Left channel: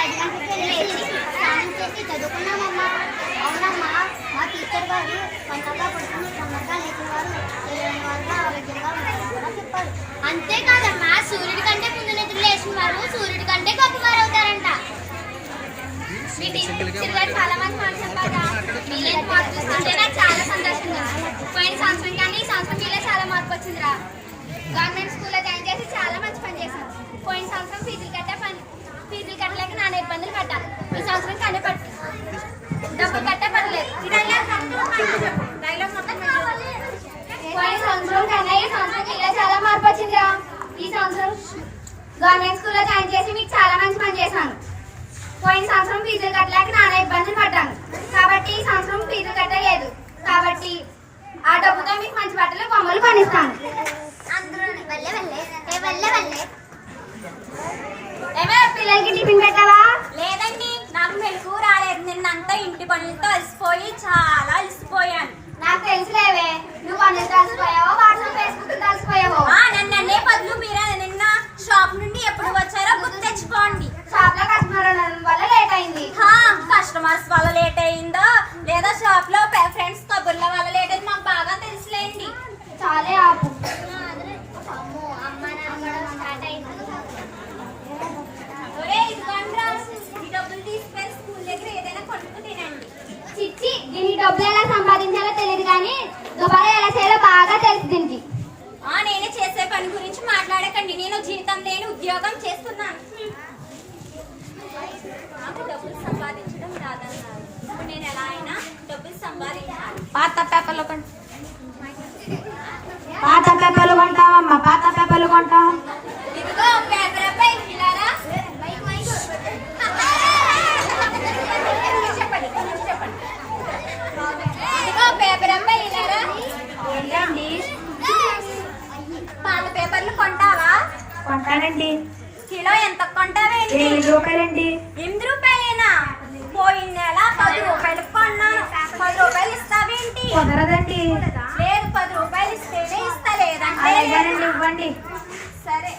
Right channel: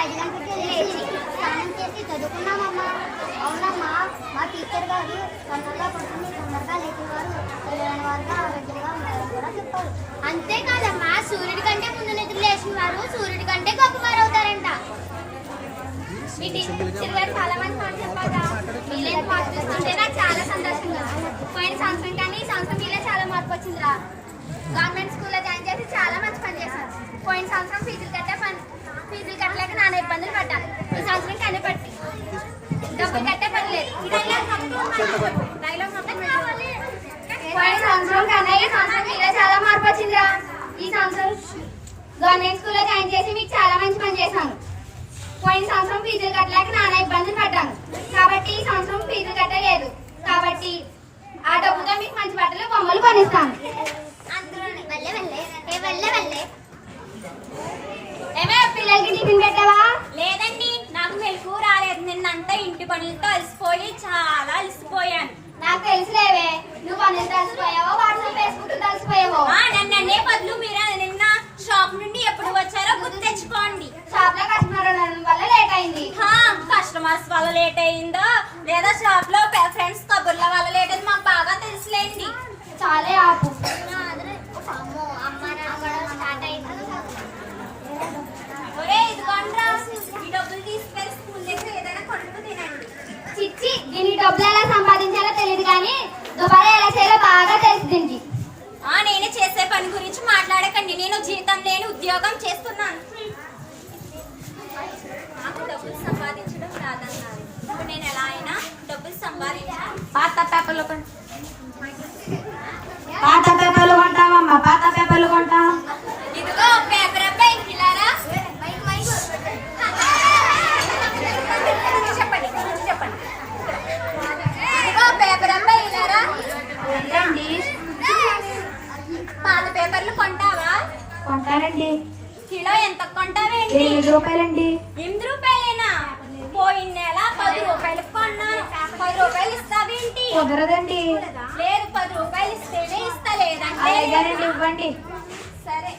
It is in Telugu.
5 గంటలకి లేచి స్నానం చేసి చదువుకున్నామమ్మా. అవునమ్మా, మా టీచర్ గారు తొందరగా పడుతుంది, తొందరగా లేచిన వారు తెలియని వారుగా ఆరోగ్యంగా ఉంటారని కూడా చెప్పారు. అంతేకాదమ్మా, సూర్యుడి కంటే ముందు నిద్ర లేచిన వారు సూర్యుడి కంటే గొప్పవారు అవుతారంట. మీ టీచర్ గారు చాలా మంది మాట చెప్పారా? మీరేం మార్పు చూస్తుంటే నాకు చాలా సంతోషంగా. పోయిన సంవత్సరం కానీ ఈ సంవత్సరం మీలో చాలా మార్పు వచ్చిందిరా. గవర్నమెంట్ స్కూల్లో జాయిన్ చేసి చాలా మంచి పని చేశాను. పోయిన సంవత్సరం ఫీజులు కట్టలేక నాన్న ఇబ్బందులు పడ్డాను. ఈ సంవత్సరం కానీ డబ్బులు కట్టే పని లేదు. పోయిన సంవత్సరం కన్నా ఈ సంవత్సరం మీలో చాలా మార్పు వచ్చిందిరా. ఈ సంవత్సరం గవర్నమెంట్ స్కూల్లో జాయిన్ చేసి మీకు చాలా మంచి పని చేశాను. పోయిన సంవత్సరం ఫీజులు కట్టలేక నాన్న ఇబ్బందులు పడ్డాను. కాబట్టి ఈ సంవత్సరం ఫీజులు కట్టలేదు. కాబట్టి ఆ డబ్బుతో మీకు మంచి బట్టలు బొమ్మలు కొనిస్తాను. ఏమే పిల్లలకి టిఫిన్ పెట్టావా? లేదండి, నాకు మెలకు రాలేదు. నిన్నంతా ఇంటి పనులతో అలసిపోయి చాలా అలసిపోయాను. నాకు తెలుసులేవే, నువ్వు పనులతో అలసిపోయావో వాట్సాప్ ఫేస్బుక్ అలసిపోయావో. నన్ను అనే బదులు మీరే నిన్న షాప్ నుండి ఎప్పుడు వచ్చారో గుర్తు తెచ్చుకోండి. షాప్ లో కస్టమర్ వల్ల లేట్ అయింది. కస్టమర్స్ వల్ల లేట్ అయిందో లేదా షాప్ లో ఫ్రెండ్స్ కబుర్ల వల్ల లేట్ అయింది మాకు బాగా తెలుసులేండి. చాలే ఆపు. ఇదిగోండ్రా, ఈ డబ్బులు తీసుకెళ్ళి స్కూల్ దగ్గర ఏదైనా కొట్టుకు తినండి. చిచ్చి, దీని డబ్బులు ఎలా సంపాదించాలో తెలియదు కానీ దుబారా ఎలా చేయాలో బాగా తెలుసు దీనికి. నేనే చేసే పని గురించి మాట్లాడకండి. నేను జీతం లేని ఉద్యోగం చేస్తున్నాను. నాకు డబ్బులు సంపాదించడం రాదన్నా. ఇప్పుడు నేను ఎలా అయినా డబ్బులు సంపాదించాను. పాత పేపర్లు కొంటావమ్మా, పాత పేపర్లు కొంటా. ఇదిగో పేపర్ అబ్బాయి ఇలారా. ఇదిగో పేపర్ అబ్బాయి ఇలారా. ఏంటండి? పాత పేపర్లు కొంటావా? కొంటానండి. కిలో ఎంత కొంటావేంటి? 8 రూపాయలండి. 8 రూపాయలేనా? పోయిన నెల 10 రూపాయలకు కొన్నాను. 10 రూపాయలు ఇస్తావేంటి? కుదరదండి. లేదు, 10 రూపాయలు ఇస్తేనే ఇస్తా, లేదంటే ఇవ్వండి. సరే.